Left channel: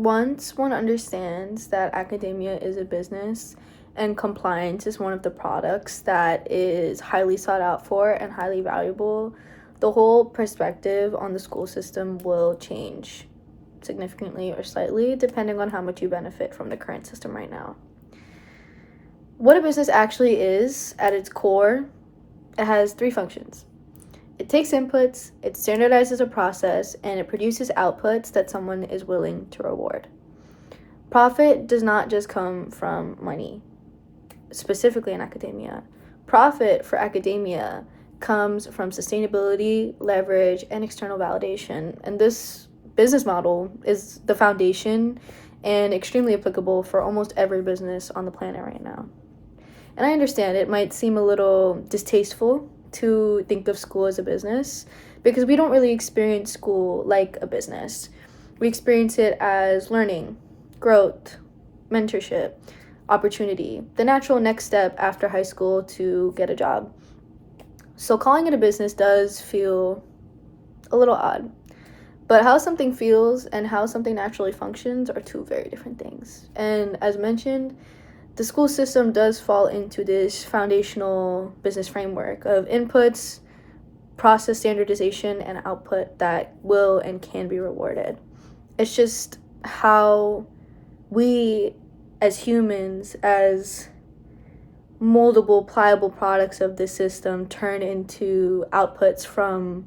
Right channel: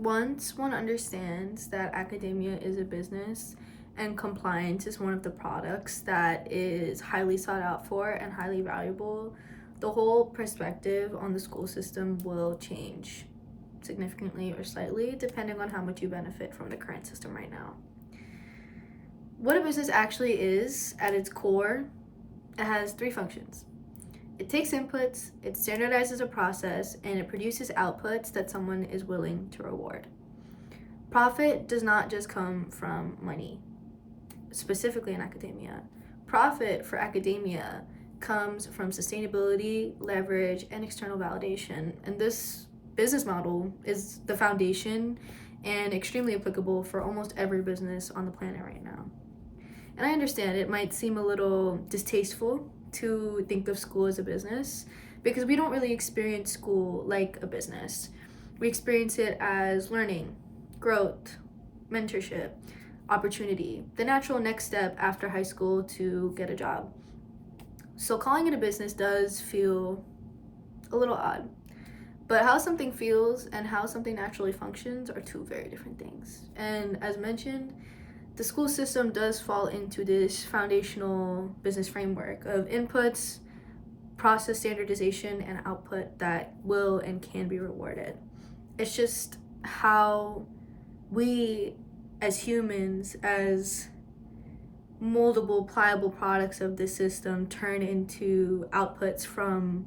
Once one understands that academia is a business and compliance is one of the products that is highly sought out for and highly valuable, the whole perspective on the school system will change significantly or slightly, depending on how much you benefit from the current system right now. What a business actually is, at its core, it has three functions. It takes inputs, it standardizes a process, and it produces outputs that someone is willing to reward. Profit does not just come from money, specifically in academia. Profit for academia comes from sustainability, leverage, and external validation. And this business model is the foundation and extremely applicable for almost every business on the planet right now. And I understand it might seem a little distasteful to think of school as a business because we don't really experience school like a business. We experience it as learning, growth, mentorship, opportunity, the natural next step after high school to get a job. So calling it a business does feel a little odd. But how something feels and how something naturally functions are two very different things. And as mentioned, the school system does fall into this foundational business framework of inputs, process standardization, and output that will and can be rewarded. It's just how we as humans, as moldable, pliable products of this system, turn into outputs from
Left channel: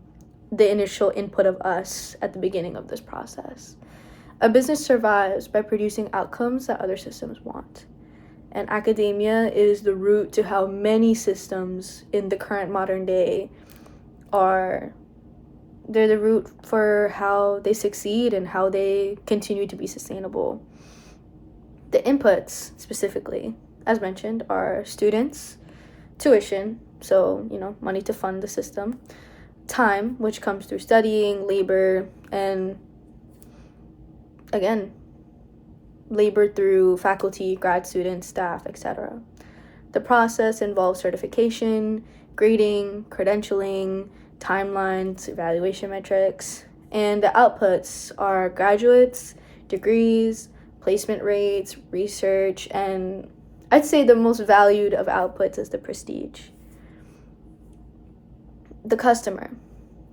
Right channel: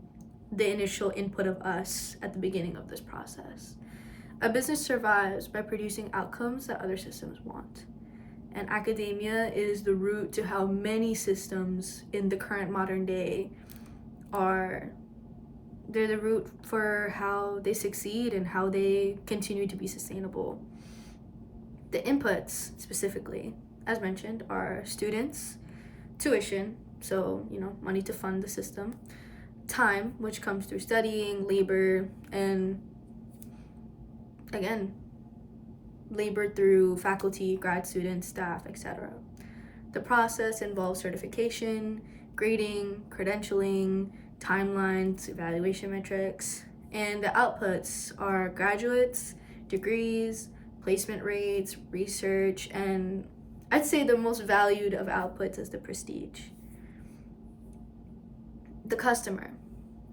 the initial input of us at the beginning of this process. A business survives by producing outcomes that other systems want. And academia is the root to how many systems in the current modern day they're the root for how they succeed and how they continue to be sustainable. The inputs, specifically, as mentioned, are students, tuition, so, money to fund the system, time, which comes through studying, labor, and, again, labor through faculty, grad students, staff, etc. The process involves certification, grading, credentialing, timelines, evaluation metrics, and the outputs are graduates, degrees, placement rates, research, and I'd say the most valued of outputs is the prestige. The customer.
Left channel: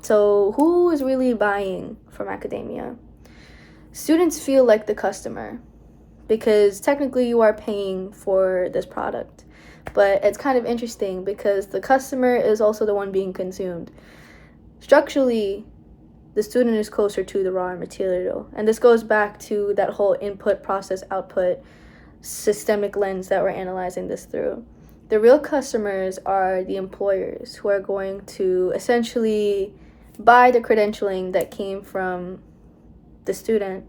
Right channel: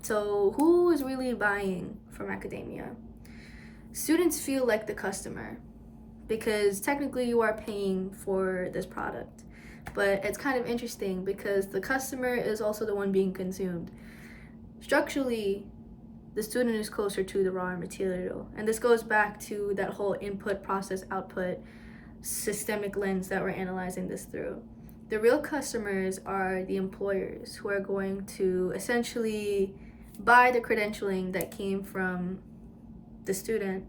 So who is really buying from academia? Students feel like the customer because technically you are paying for this product. But it's kind of interesting because the customer is also the one being consumed. Structurally, the student is closer to the raw material. And this goes back to that whole input, process, output, systemic lens that we're analyzing this through. The real customers are the employers who are going to essentially buy the credentialing that came from the student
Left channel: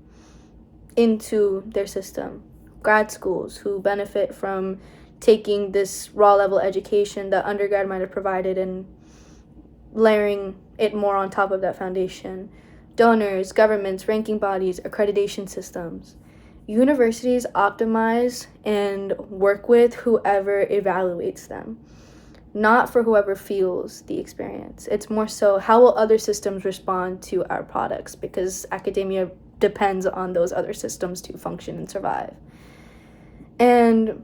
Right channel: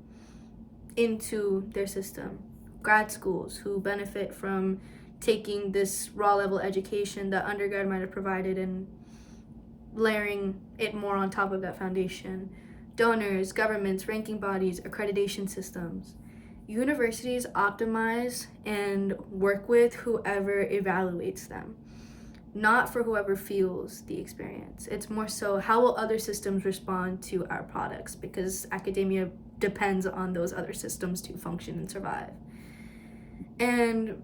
into their system. Grad schools who benefit from taking this raw level education that undergrad might have provided and layering it more on top of that foundation. Donors, governments, ranking bodies, accreditation systems. Universities optimize and work with whoever evaluates them, not for whoever feels the experience. It's more so how will other systems respond to our products, because academia depends on those other systems to function and survive. And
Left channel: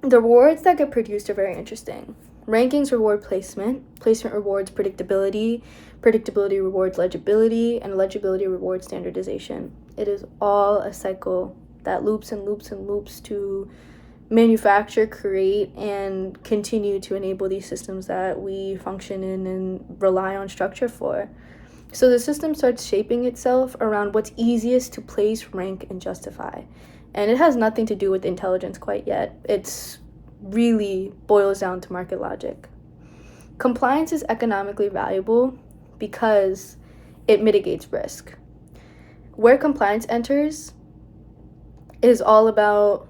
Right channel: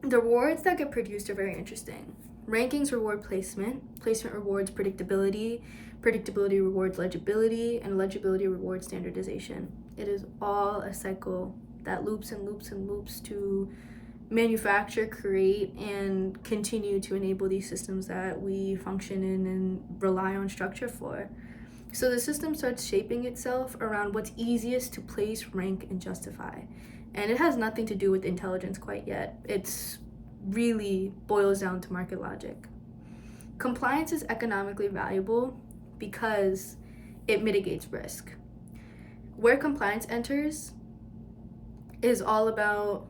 the rewards that get produced are very interesting. Rankings reward placement, placement rewards predictability, predictability rewards legibility, and legibility rewards standardization. It is all a cycle that loops and loops and loops to manufacture, create, and continue to enable these systems that we function in and rely on structure for. So the system starts shaping itself around what's easiest to place, rank, and justify. And it has nothing to do with intelligence quite yet. It's really boils down to market logic. Compliance is economically valuable because it mitigates risk. Where compliance enters is all about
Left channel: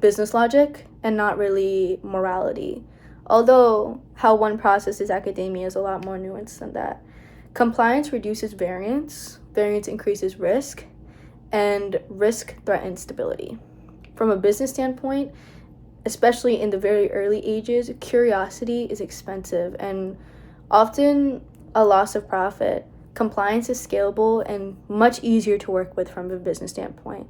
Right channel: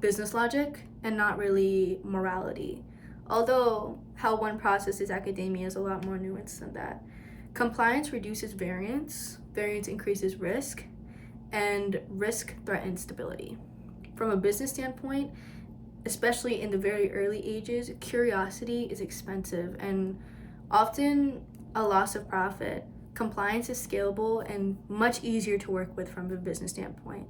business logic and not really morality. Although how one processes academia is a lot more nuanced than that. Compliance reduces variance increases risk, and risk threatens stability. From a business standpoint, especially in the very early ages, curiosity is expensive and often a loss of profit. Compliance is scalable and much easier to work with from a business standpoint.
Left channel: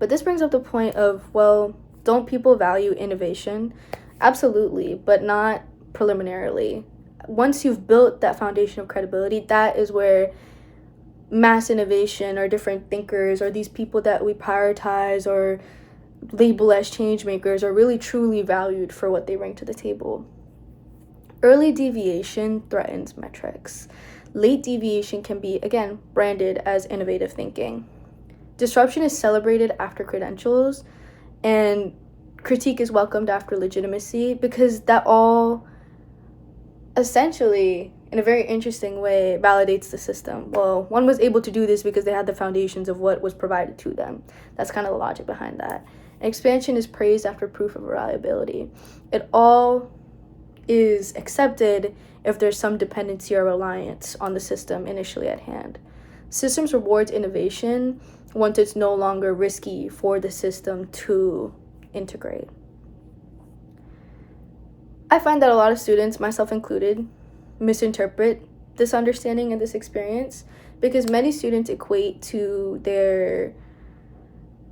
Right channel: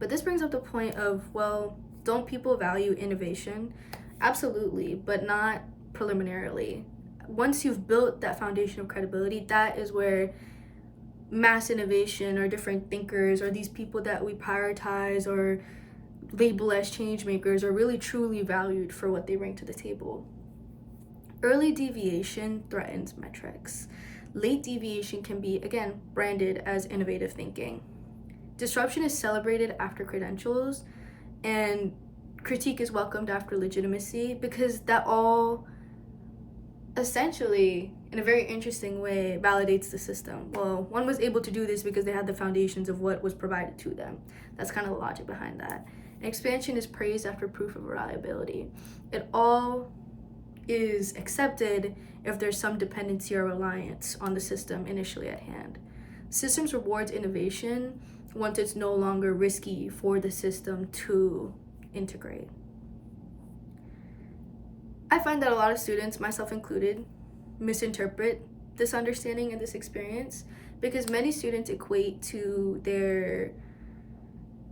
But this brings up the point of, well, don't people value innovation? Absolutely, but not preliminarily. Once you've built that foundation of credibility, that is where mass innovation or different thinkers or these people that we prioritize or label as change makers are really truly valued for what they bring to the table. Early deviation threatens metrics. Late deviation can be, again, branded as innovative thinking. Disruption is celebrated after credentials, and critique is welcomed after legitimacy, because that all essentially, in a very interesting way, validates the system. Well, one was able to do this because they had the foundations of what was provided to them. That's kind of the logic behind that. Expansion is praised after proof of reliability. It all is accepted if there's some dependency or reliance on the system initially at hand. Systems rewards innovation once it's no longer risky for the system to integrate. I find that a lot of students, myself included, misinterpret this understanding and this experience, because many students equate to their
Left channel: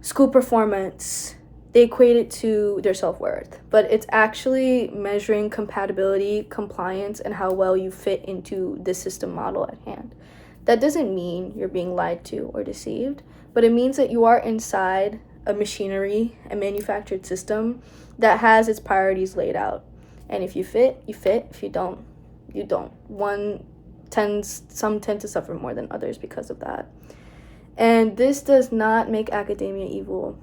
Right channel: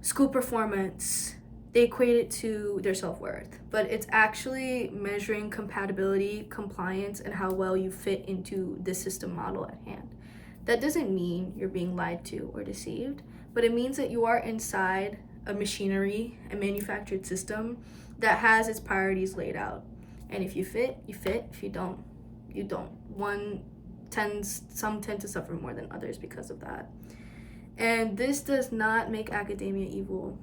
school performance, they equate it to their self-worth, but it's actually measuring compatibility, compliance, and how well you fit into the system model at hand. That doesn't mean you're being lied to or deceived, but it means that you are inside a machinery, a manufactured system that has its priorities laid out. And if you fit, you fit. If you don't, you don't. Some tend to suffer more than others because of that. And this does not make academia evil.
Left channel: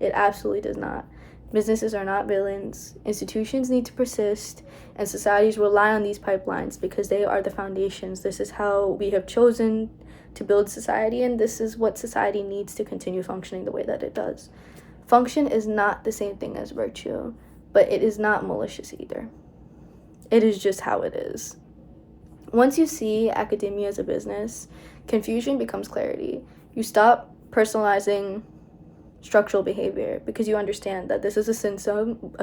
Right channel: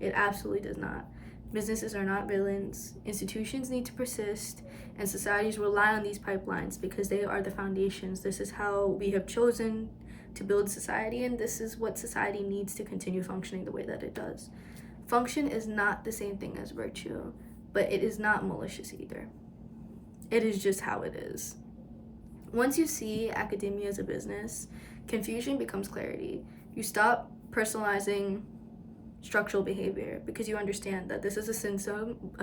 It absolutely does not. Businesses are not villains. Institutions need to persist, and societies rely on these pipelines because they are the foundations. This is how we have chosen to build society, and this is what society needs to continue functioning the way that it does. Function is not the same thing as virtue, but it is not malicious either. It is just how it is. Once you see academia as a business, confusion becomes clarity. You stop personalizing structural behavior because you understand that this is a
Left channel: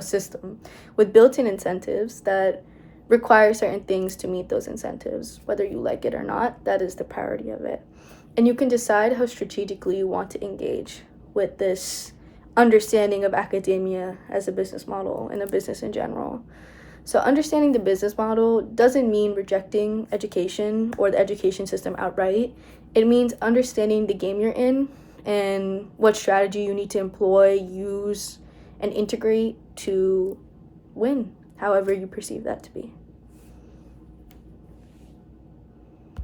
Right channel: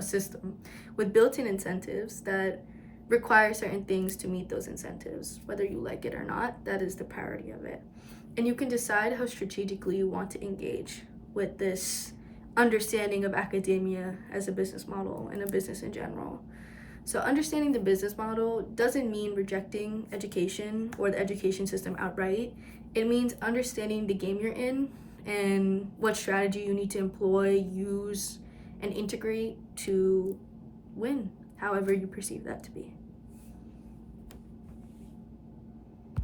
system with built-in incentives that require certain things to meet those incentives. Whether you like it or not, that is the priority of it. And you can decide how strategically you want to engage with this understanding of academia as a business model and a business in general. So understanding the business model doesn't mean rejecting education or the education system outright. It means understanding the game you're in and what strategy you need to employ, use, and integrate to win, however you perceive that to be.